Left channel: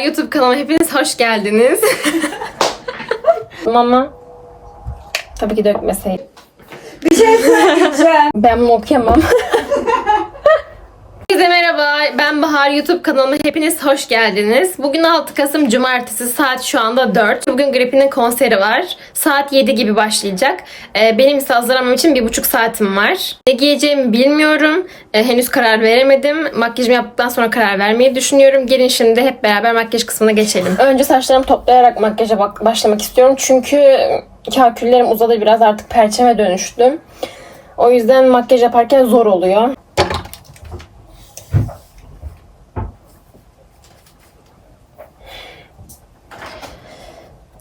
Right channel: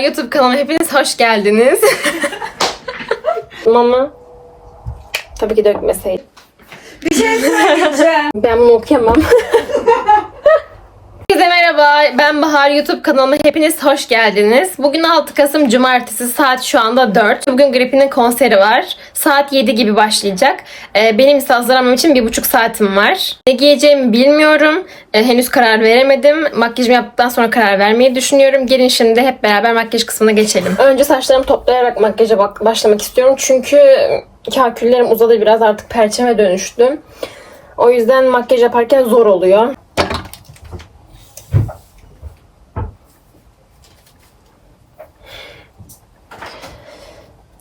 YouTube kanalıma hepiniz hoş geldiniz. Mama. Tabii ki dökmeseydim. Bir şey söyleyeceğim. Ben bunu okuyamam. Merhaba. Ben Bahar YouTube kanalıma hepiniz hoş geldiniz. Bugün 6 Kasım Cumartesi saat şu anda 4. Bugün Gripin'in konseri var. Saat 7 gibi başlayacak. Ee, benim ise hazırlamam için bir buçuk saatim var. Ne giyeceğimi bilmiyorum. Ee, henüz karar veremedim. Makyajımı yaptıktan sonra karar vermeyi düşünüyorum. Gelin şimdi hep beraber makyaj kısmına geçelim. Önce saçlarımı toplayarak makyaja başlamak istiyorum. Çünkü kaküllerim uzadı biraz artık perçeme dönüştü. O yüzden makyaj yaparken zor oluyor.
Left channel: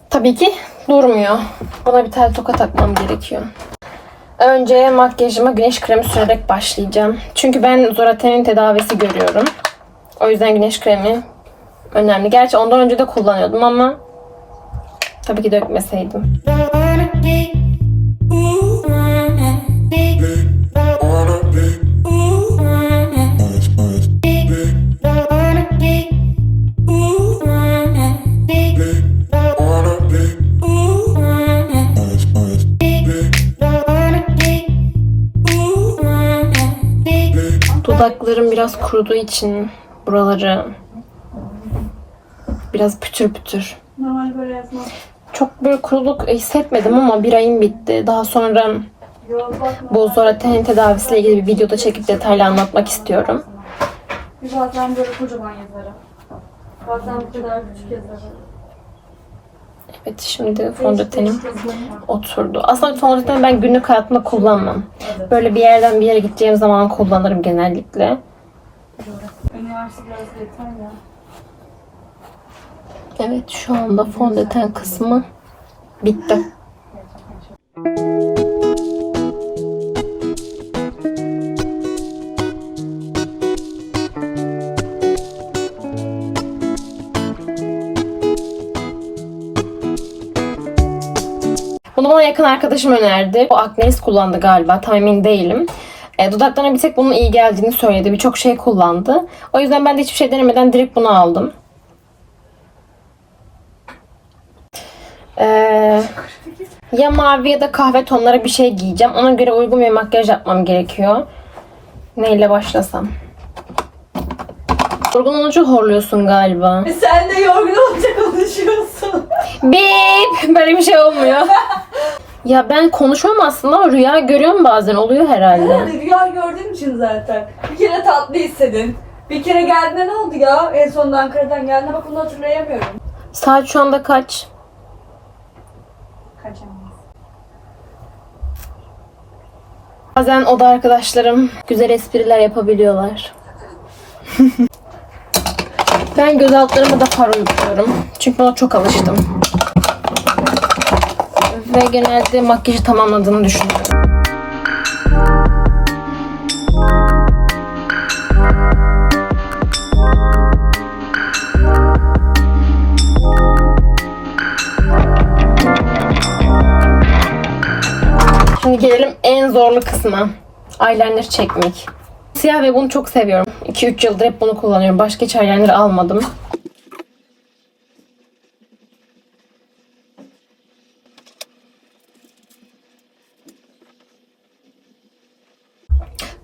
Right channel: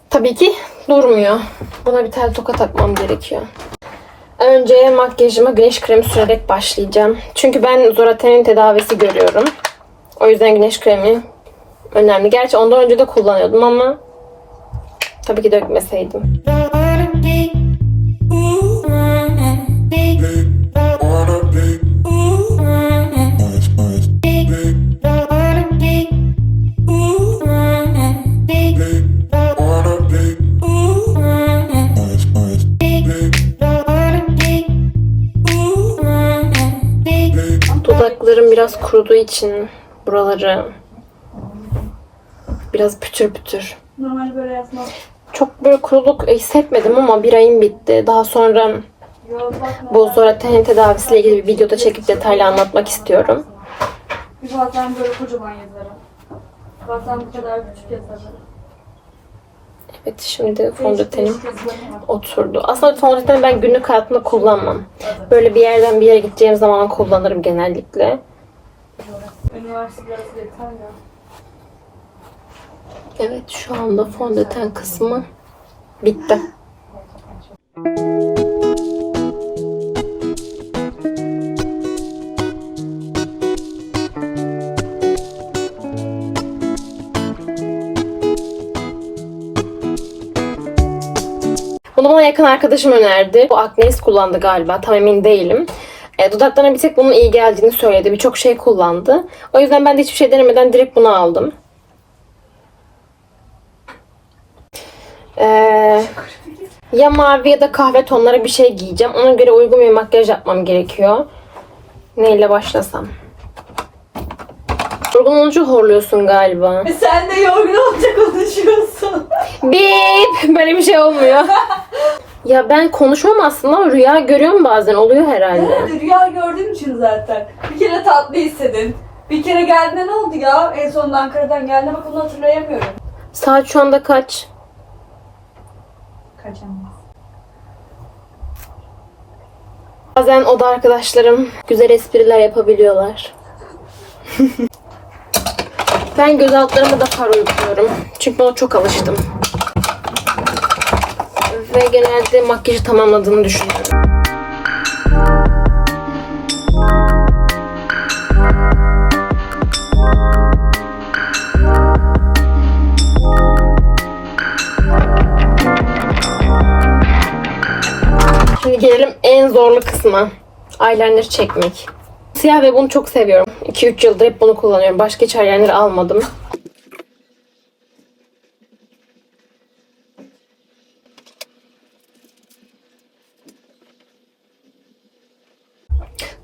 Tabii ki durmuyor. Buna bir tane toka takmam gerekiyor. Önce makyajıma güneş kremi sürerek başlayacağım. Çünkü ben Zoraten'in tedavisi görüyorum. O yüzden güneş kremi önemli. Gerçi ondan önce de kullanıyordum ama tabii ki dökmeseydim. İçin buraları biraz pütür pütür. Çok böyle kuruluk hissetmedim ama bir ayım bitti. Daha sonra bu Zoraten'in tedavisiyle ilgili bir videoda çekip detaylı anlatmak istiyorum. Bazen böyle kocaman yazarım. Bazen bu kadar küçük yazarım. Evet şimdi fondötenim oturdu. Aslında fondöteni ben günlük hayatımda kullanmam. Böyle bir yerden bir yere gideceğim zaman kullanırım genellikle. Evet şu anda fondöten kısmı bitti. Bunu bana yakın arkadaşım önerdi. Bu Aknes kullandı galiba. Tam emin değilim. E, dudaklarına bir tek bunun iyi geldiğini söyledi. Birçok şey kullandı. O yüzden ben de hiçbir şey denemeden direkt bunu aldım. Ee, ya mavi ya da kahve tonları bir şey giyeceğim. Ona göre uygun bir makyaj yapmam gerekiyor. Neyle başlasam? Yorgun olunca horluyorsun galiba. Sen de yorgun olacak konuşuyorsun. Bip! Böyle bir şey olmuyor. ya ben konuşmam aslında ama rüya görüyorum bazen. Oluyor herhalde. Yani rüya gördüğüm için zaten. Bir kere tatlı hissedin. Bir kere geldiğinde ne oldu ya? En sonunda Ankara'dan geldiğinde bak bunu hatırlayamıyorum. Saat şu anda kaç? Kaçamaz. Bazen oda arkadaşlarım güzel espriler yapabiliyorlar. ben göz altlarıma da far uyguluyorum. Çünkü buna çok alıştım. Ve genelde makyajı tamamladığını düşünüyorum. Şimdi gelelim en zorlu kısma. Eyeliner çekmek. Siyah ve bunu çok seviyorum. 2-3 yıldır hep bunu kullanıyorum. Başka hiç eyeliner almadım.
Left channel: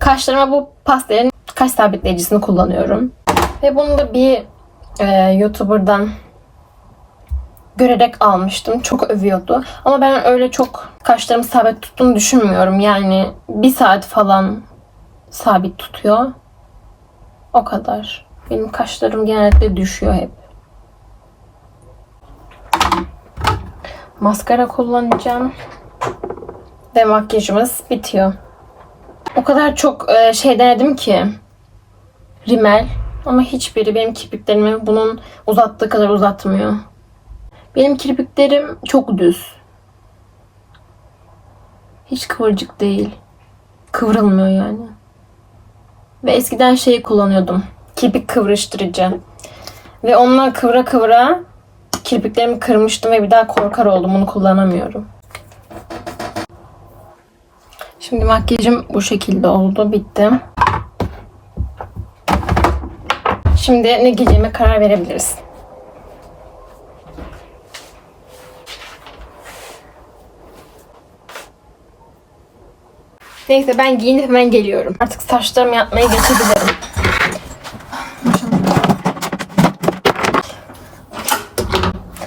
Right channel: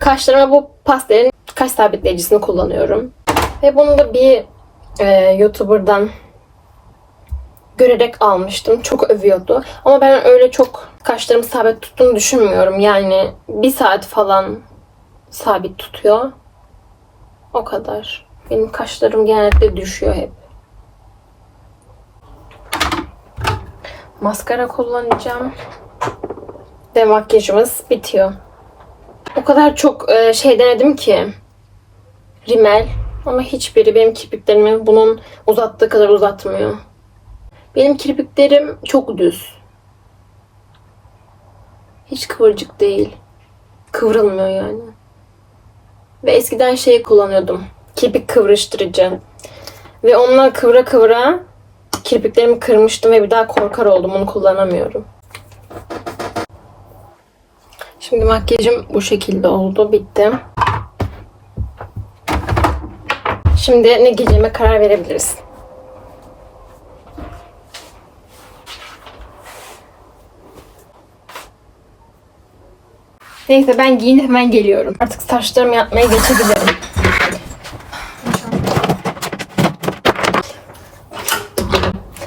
Kaşlarıma bu pastelin kaş sabitleyicisini kullanıyorum. Ve bunu da bir e, YouTuber'dan görerek almıştım. Çok övüyordu. Ama ben öyle çok kaşlarımı sabit tuttuğunu düşünmüyorum. Yani bir saat falan sabit tutuyor. O kadar. Benim kaşlarım genellikle düşüyor hep. Maskara kullanacağım. Ve makyajımız bitiyor. O kadar çok e, şey denedim ki. Rimel. Ama hiçbiri benim kirpiklerimi bunun uzattığı kadar uzatmıyor. Benim kirpiklerim çok düz. Hiç kıvırcık değil. Kıvrılmıyor yani. Ve eskiden şeyi kullanıyordum. Kirpik kıvrıştırıcı. Ve onunla kıvıra kıvıra kirpiklerimi kırmıştım ve bir daha korkar oldum. Onu kullanamıyorum. Şimdi makyajım bu şekilde oldu. Bitti. Şimdi ne giyeceğime karar verebiliriz. Neyse ben giyinip hemen geliyorum. Artık saçlarımı yapmaya geçebilirim.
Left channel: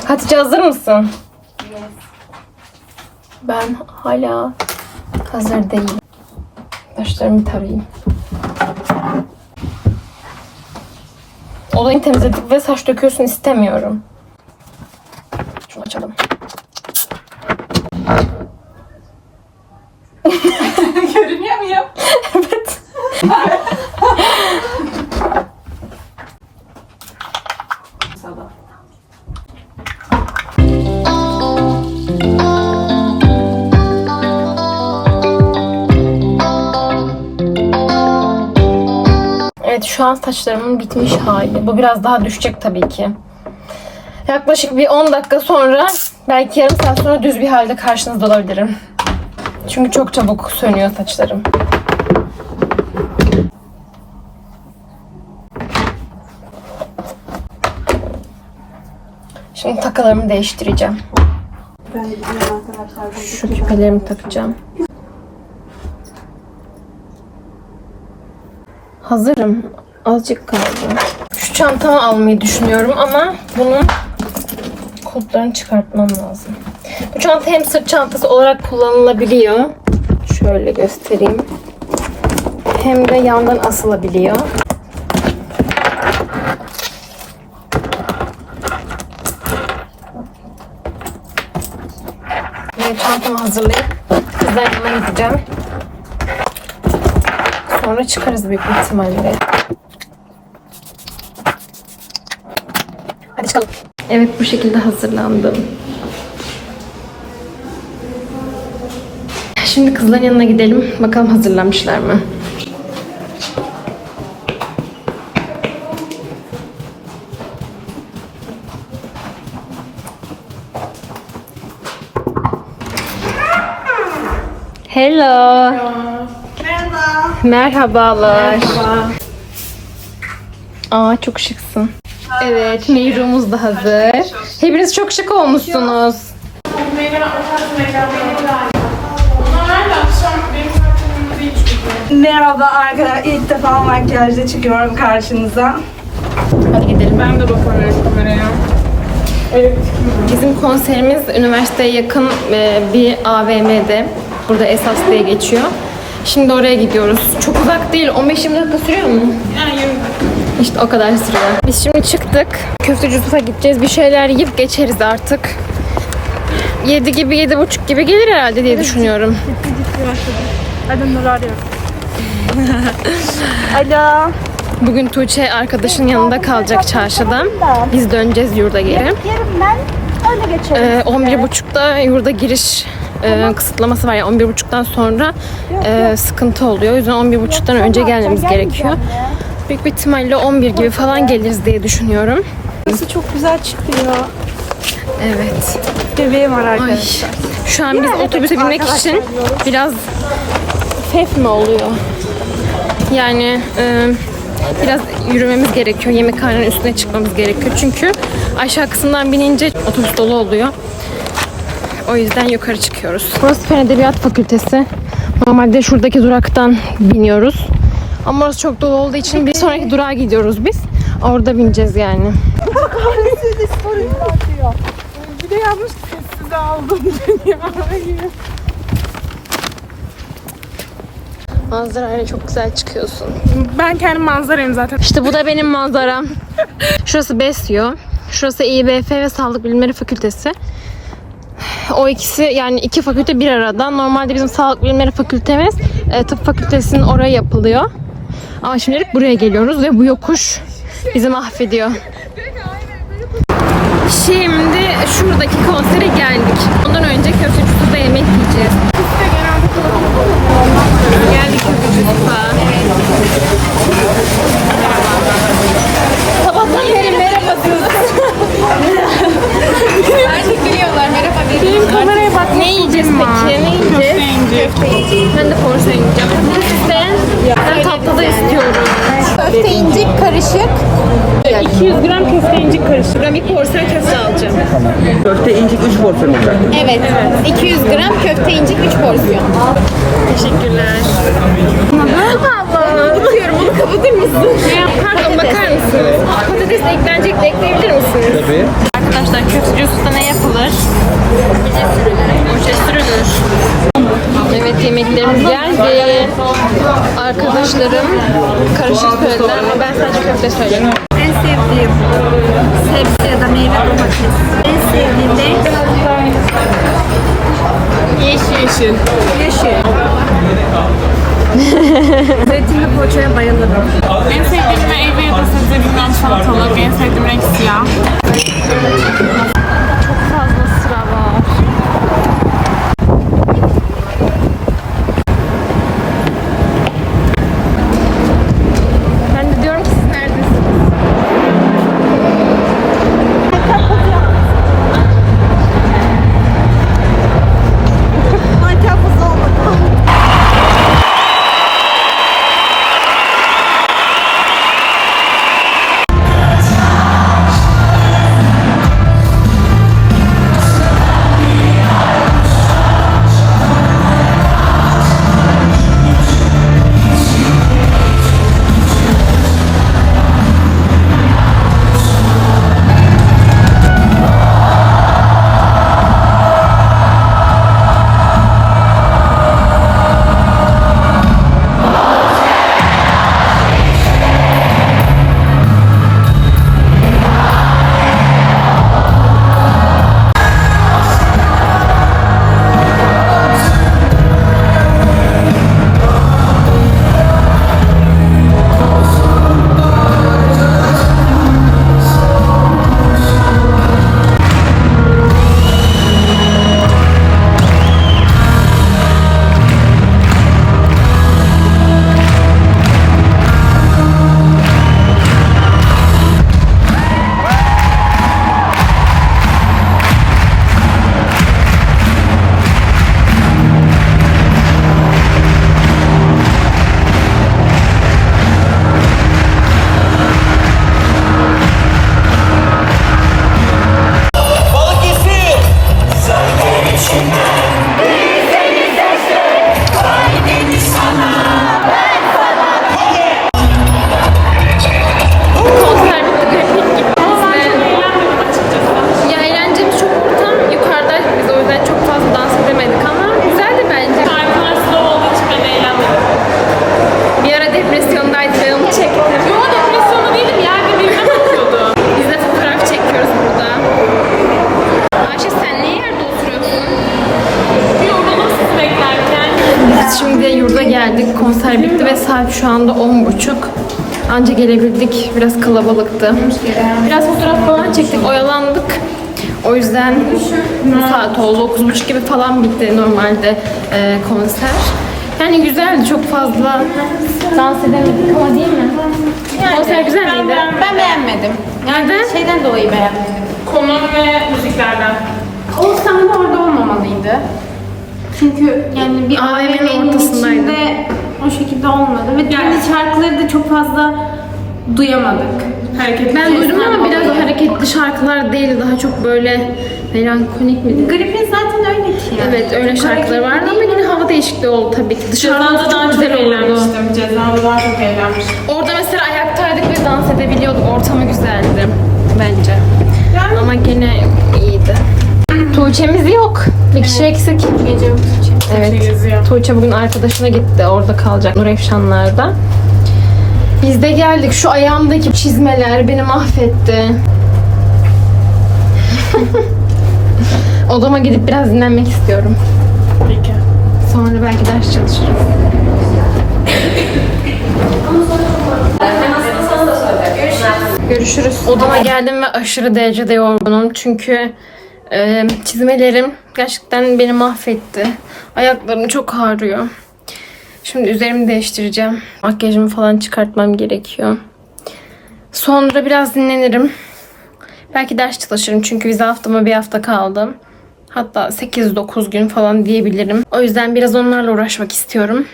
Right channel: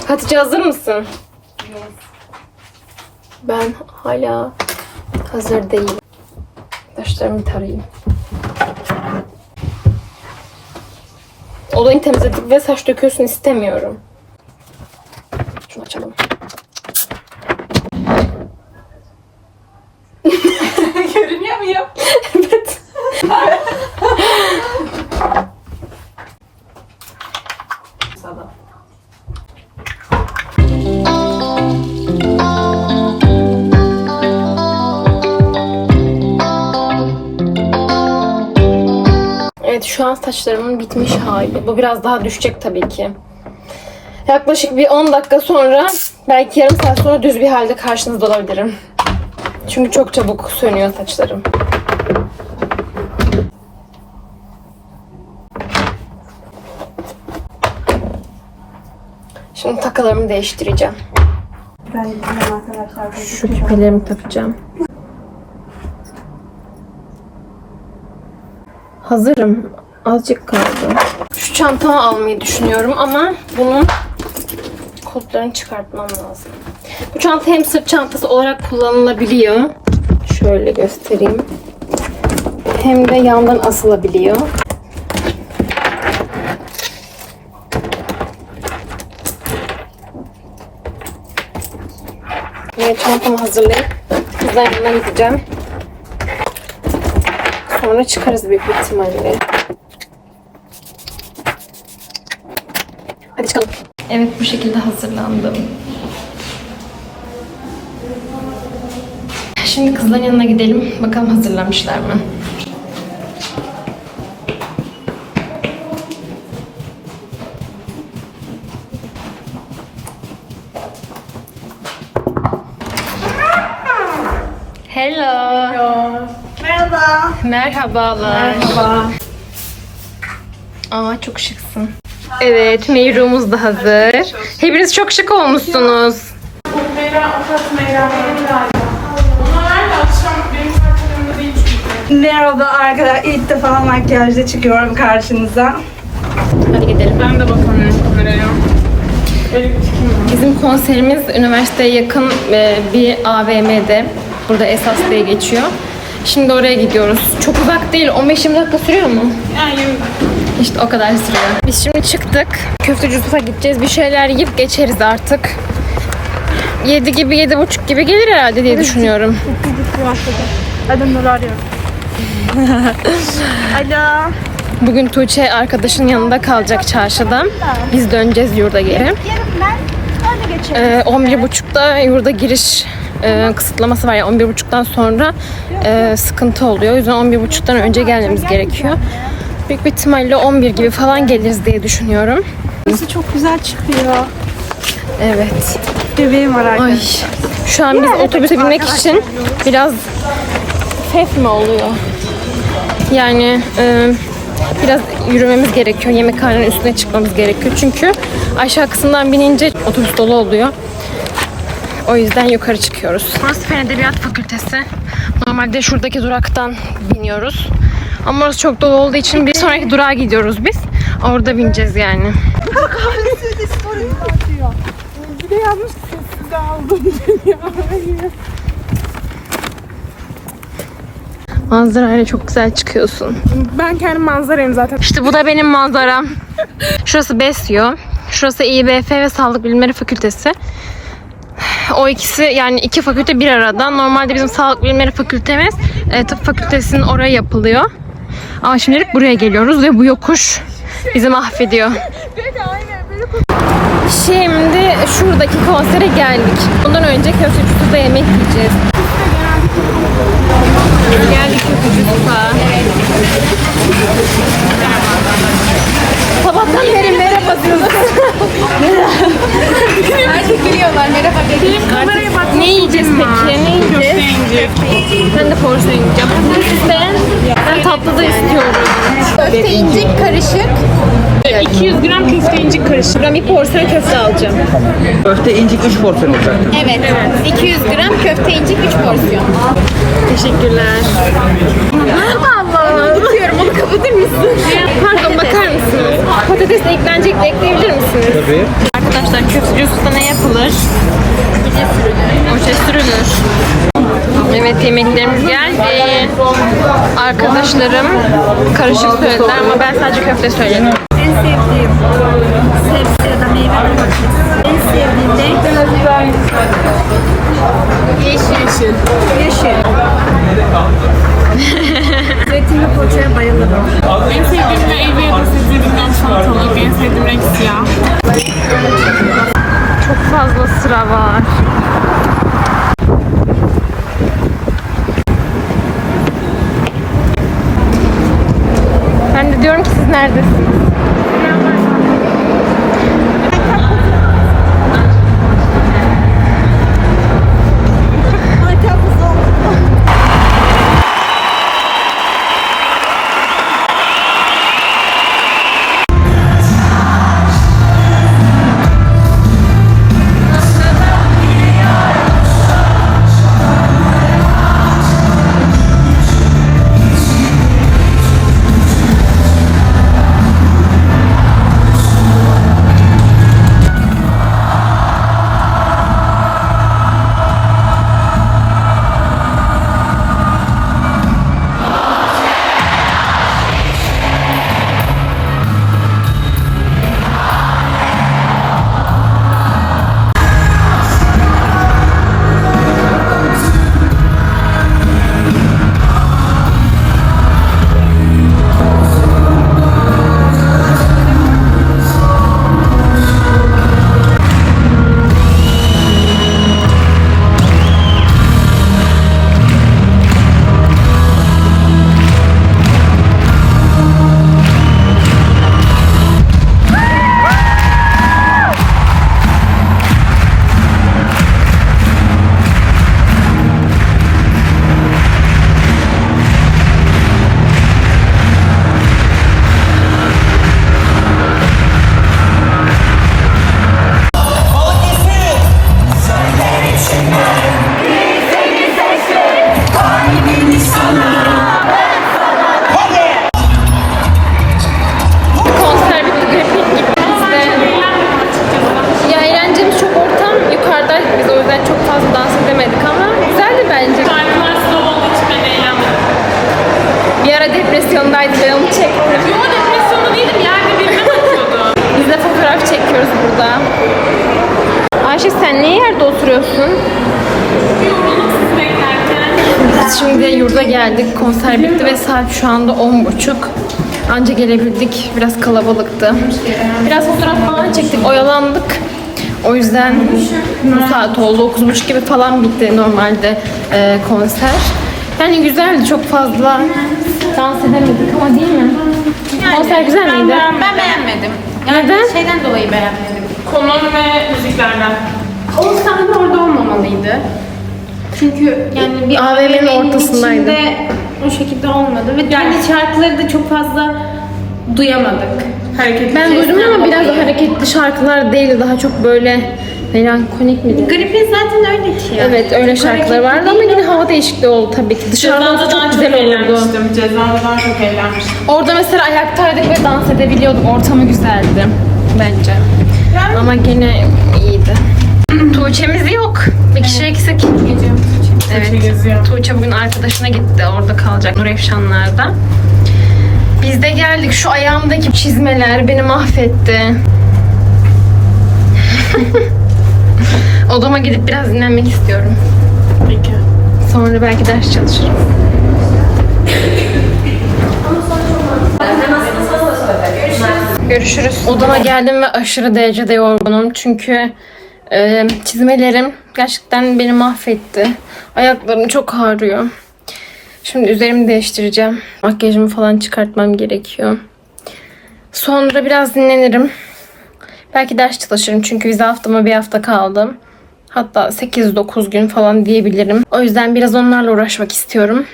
Hatice hazır mısın? Ben hala hazır değilim. Saçlarımı tarayayım. Odayı temizledik ve saç döküyorsun istemiyorum. Saçlarımın bitmiş hali. Bu biraz daha düşecek tabii ki. Yaklaşık bir 10 dakika sonra belki yarım saat sonra düz bir halde karşınızda olabilirim. Çünkü çok çabuk sönüyor saçlarım. Şimdi takalarımı değiştireceğim. Şu küpelerimi takacağım. Hazırım. Azıcık kaldı. Şu çantamı almayı düşünüyorum ama bunun kulplarını çıkartmam lazım. Bu çanta hem sırt çantası olarak kullanılabiliyor. Şöyle göstereyim. Hem de yandan asılabiliyor. Ve çantamı hazırlayıp kızların yanına gideceğim. Sonra çıkarız büyük ihtimalle. Hadi çıkalım. Evet bu şekilde hazırlandım. Şimdi kızların yanına gidelim. Bakalım hazırlamışlar mı? Hello. Merhaba. Merhabalar. Merhaba. Aa çok şıksın. Evet, Meyrumuz da hazır. Hepiniz çok şık olmuşsunuz. Merhaba arkadaşlar. İlk defa makyajla çıkıyorum karşınıza. Hadi gidelim. Ben de bakamıyorum kameraya. Bizim konserimiz üniversiteye yakın e, bir AVM'de. Burada Esas diye geçiyor. Şimdi oraya gidiyoruz. Çok uzak değil. 15-20 dakika sürüyor mu? İşte o kadar sürüyor. Biz şimdi çıktık. Köfteci gideceğiz. Bir şeyler yiyip geçeriz artık. 7 gibi, 7.30 gibi gelir herhalde diye düşünüyorum. Nur arıyorum. Alo. Bugün Tuğçe arkadaşın yanında kalacak çarşıdan. Biz döneceğiz yurda geri. Ee, 11.30'da yurda giriş e, kısıtlaması var. Yani 11.30'dan sonra e, sıkıntı oluyor. O yüzden 11.30'dan önce gelmemiz gerekiyor. Büyük bir ihtimalle 11 gibi falan geliriz diye düşünüyorum. Çok güzel çıkıyor. Evet. Bebeğim var Ay. arkadaşlar. Şu an biz otobüse binmek için biraz ses mi oluyor? Yani e, biraz yürümemiz gerekiyor. Yemekhanenin üstüne çıkmamız gerekiyor. Çünkü aşağı kısımdan binince otobüs dolu oluyor. O yüzden yukarı çıkıyoruz. Burası Fen Edebiyat Fakültesi. Normalde şuradaki duraktan biniyoruz. Ama orası çok dolu olduğu için bir sonraki durağa gidiyoruz biz. Orada bineceğiz yani. Bir de yanlış sessiz aldım. Manzarayla çok güzel çıkıyorsun. Ben kendim manzarayım zaten. İşte bu da benim manzaram. Şurası BESYO. Şurası İBF ve Sağlık Bilimleri Fakültesi. O ikisi yani iki fakülte bir arada. Normalde bizim Sağlık Bilimleri Fakültemiz e, tıp fakültesinin oraya yapılıyor. Ama şimdilik buraya geliyoruz ve bu yokuş bizi mahvediyor. Şimdi şuradaki konsere geldik. Ondan önce köfteci yemek yiyeceğiz. İncik 3 porsiyon olacak. Evet. 200 gram köfte incik 3 porsiyon. Teşekkürler. Allah'ım. Tutuyorum onu kapatır mısın? Pardon bakar mısınız? Patates eklenecek de ekleyebilir misiniz? Tabii. Arkadaşlar köfteci usta ne yapılır? Oje sürülür. Oje sürülür. Evet yemeklerimiz geldi. Arkadaşlarım karışık söylediler ama ben sadece köfte söyledim. En sevdiğim sebze meyve domates. En sevdiğim renk Yeşil. Yeşil. yeşil. Zeytinli poğaçaya bayılırım. En sevdiğim meyve ya da sebze bilmem salatalık. En sevdiğim renk siyah. Çok fazla sıra var. Geldik. Konser bitti ve saat şu anda 10.30. Anca gelebildik. Biraz kalabalıktı. Biraz fotoğraf falan çektik. Oyalandık. O yüzden bu saat oldu. 9.30 gibi falan bitti normalde e, konser. Yani güzeldi. Çok fazla dans edemedik ama değil mi? konser güzel miydi? Ben beğenmedim. Nereden? Şeyden dolayı beğenmedim. Konum ve müziklerden. O sahne orada olmamalıydı. Çünkü yani bir AVM'nin ortasındaydı. içinde O şekilde olmadı ve yani şarkıları da çok fazla duyamadık. Hareket. Ben duydum ama biraz hareketli şarkılar değildi. Daha çok böyle melankolik mi dedi? Gripin zaten öyle ki. Evet öyle şarkılar vardı ama yine hava değişikliği oldu tabii ki. Dışarıda Cezada olsa daha çok çok güzel olurdu. eğlenmiştim. Cezada daha çok eğlenmiştim. Orada mesela ayaktaydık ve dans edebiliyorduk. Ortamı güzeldi bence. Ama gene iyiydi. Tuğçe'miz yok. Bir kişi eksik. Evet. Tuğçe bugün arkadaşına gitti. Orada kalacak Nurefşanlar'da. Biz de geldik. Şu ayağımdaki çizmeler beni mahvetti. Odama gidip biraz dinlenmek istiyorum. Peki. Sonra belki ders çalışırım. Görüşürüz. Odama geldim ve aşırı derecede yorgunum. Çünkü e, çizmelerim gerçekten beni mahvetti. Ayaklarım çok ağrıyor. Şimdi üzerimi değiştireceğim. Makyajımı falan çıkartmam gerekiyor. Sonra biraz dinlenirim. Belki ders çalışırım çünkü vize haftama bir hafta kaldı. Hatta 8-9 gün falan diyebilirim. O yüzden biraz onlarla uğraşmak istiyorum.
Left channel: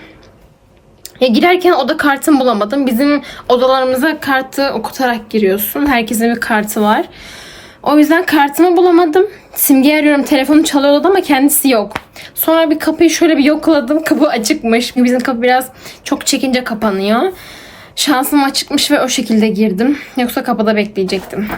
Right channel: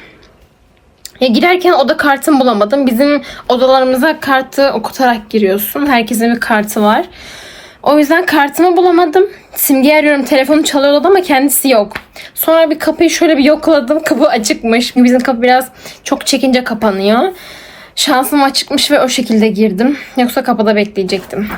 Ya girerken oda kartımı bulamadım. Bizim odalarımıza kartı okutarak giriyorsun. Herkesin bir kartı var. O yüzden kartımı bulamadım. Simge arıyorum. Telefonu çalıyordu ama kendisi yok. Sonra bir kapıyı şöyle bir yokladım. Kapı açıkmış. Bizim kapı biraz çok çekince kapanıyor. Şansım açıkmış ve o şekilde girdim. Yoksa kapıda bekleyecektim.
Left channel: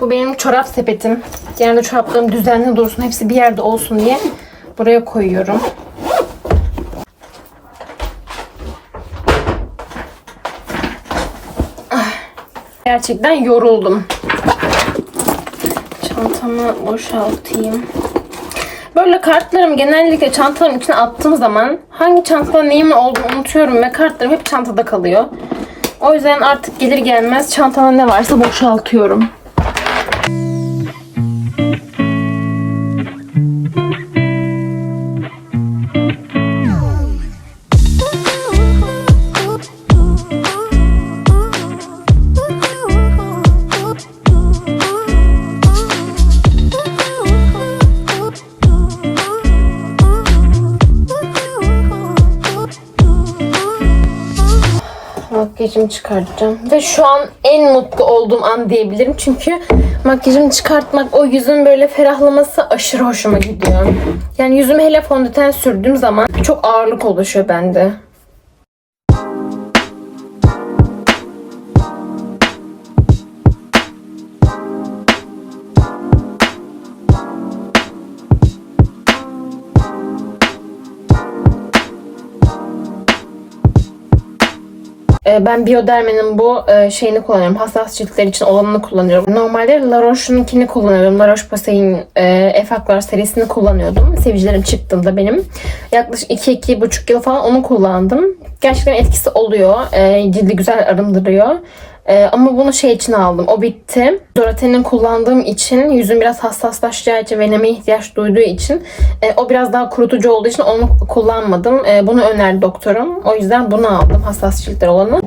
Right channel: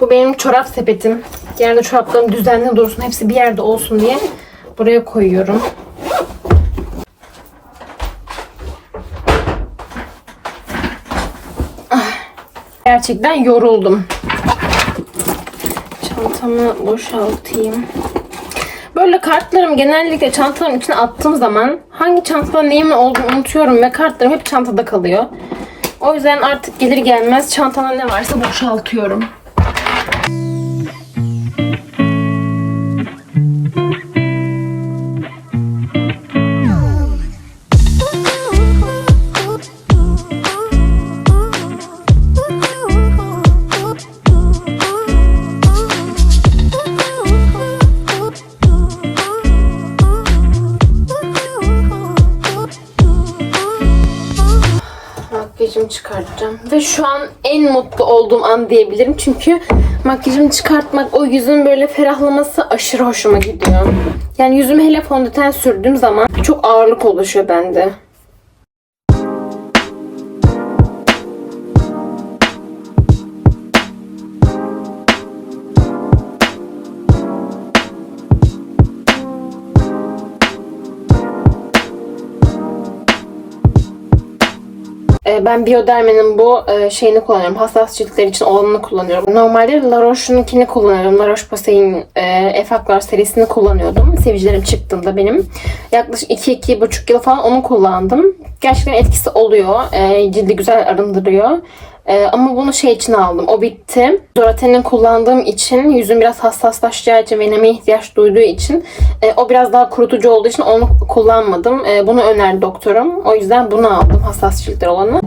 Bu benim çorap sepetim. Genelde çoraplarım düzenli dursun. Hepsi bir yerde olsun diye buraya koyuyorum. Ah, Gerçekten yoruldum. Çantamı boşaltayım. Böyle kartlarımı genellikle çantalarımın içine attığım zaman hangi çantada neyimin olduğunu unutuyorum ve kartlarım hep çantada kalıyor. O yüzden artık gelir gelmez çantada ne varsa boşaltıyorum. Makyajımı çıkartacağım. Ve şu an en mutlu olduğum an diyebilirim. Çünkü makyajımı çıkartmak, o yüzün böyle ferahlaması aşırı hoşuma gidiyor. Yani yüzüme hele fondöten sürdüğüm zaman çok ağırlık oluşuyor bende. Ee, Ben Bioderma'nın bu e, şeyini kullanıyorum. Hassas ciltler için olanını kullanıyorum. Normalde La Roche'unkini kullanıyordum. La Roche-Posay'in e, Efaklar serisini kullanıyordum. Sevicilerim çıktığında benim. Yaklaşık 2-2,5 yıl falan onu kullandım. Gerçekten etkisi oluyor. E, cildi güzel arındırıyor. E, ama bunu şey için aldım. O bitti. Zoraten'in kullandığım için yüzüm biraz hassaslaşacağı için ve nemeye ihtiyaç duyduğu için e, o biraz daha kurutucu olduğu için onu kullanmadım. E, bunu önerdi doktorum. O yüzden bunu aldım. Hassas ciltler olanı.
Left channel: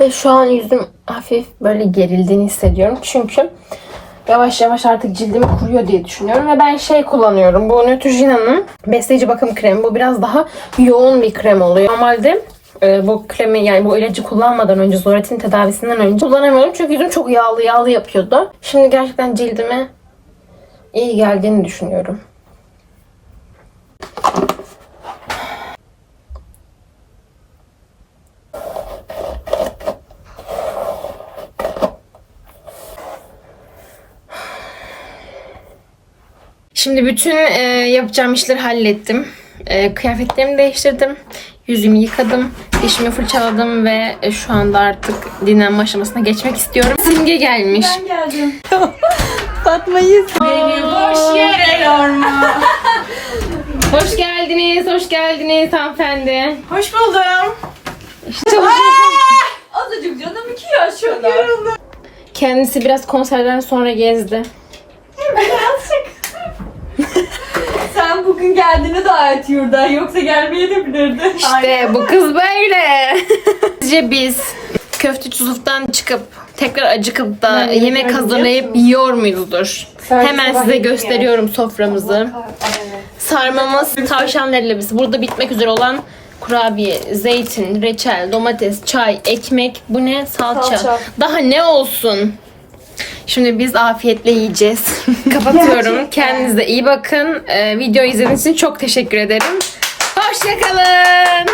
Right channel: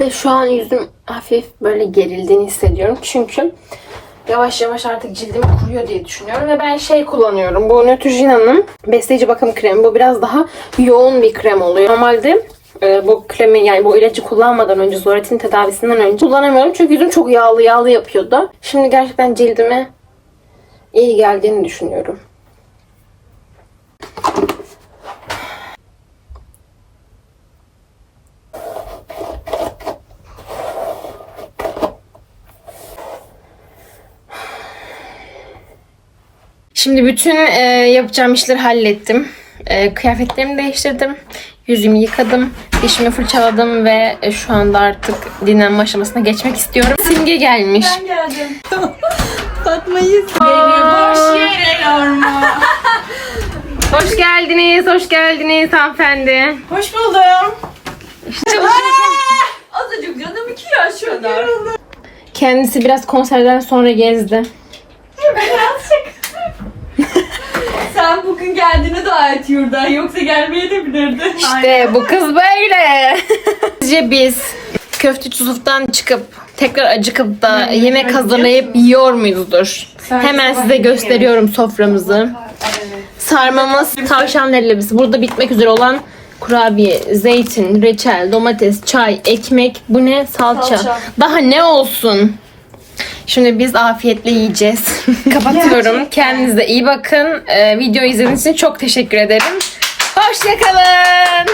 Ve şu an yüzüm hafif böyle gerildiğini hissediyorum. Çünkü yavaş yavaş artık cildim kuruyor diye düşünüyorum. Ve ben şey kullanıyorum. Bu Neutrogena'nın besleyici bakım kremi. Bu biraz daha yoğun bir krem oluyor. Normalde e, bu kremi yani bu ilacı kullanmadan önce Zoretin tedavisinden önce kullanamıyorum. Çünkü yüzüm çok yağlı yağlı yapıyordu. Şimdi gerçekten cildime iyi geldiğini düşünüyorum. Şimdi bütün e, yapacağım işleri hallettim. E, kıyafetlerimi değiştirdim. Yüzümü yıkadım. Dişimi fırçaladım ve e, şu anda artık dinlenme aşamasına geçmek istiyorum. Simge gelmiş. Ben geldim. Hoş geldiniz, hoş geldiniz hanımefendi. Hoş buldum. Çalışıyorsun. Azıcık canım iki yaş şöyle. Kendisi biraz konserden sonra gezdi. Sen bugün geldiğini daha et yurda. Yoksa gelmeye de bilirdi. İşte bu kız böyle. Sizce biz köfteci Yusuf'tan çıkıp tekrar acıkıp da yemek hazırlayıp yiyor muyuzdur? Hemen size gösteriyorum soframızı. Sarmamız tavşan leblebi. Burada bitmek üzere olan kurabiye, zeytin, reçel, domates, çay, ekmek. Bu ne? Salça. Salça. Daha ne olsun? Şimdi biz afiyetle yiyeceğiz. Kapatıyorum. Kendinize iyi bakın. Ee, videoyu izlediğiniz için çok teşekkür ederim. Hoşçakalın.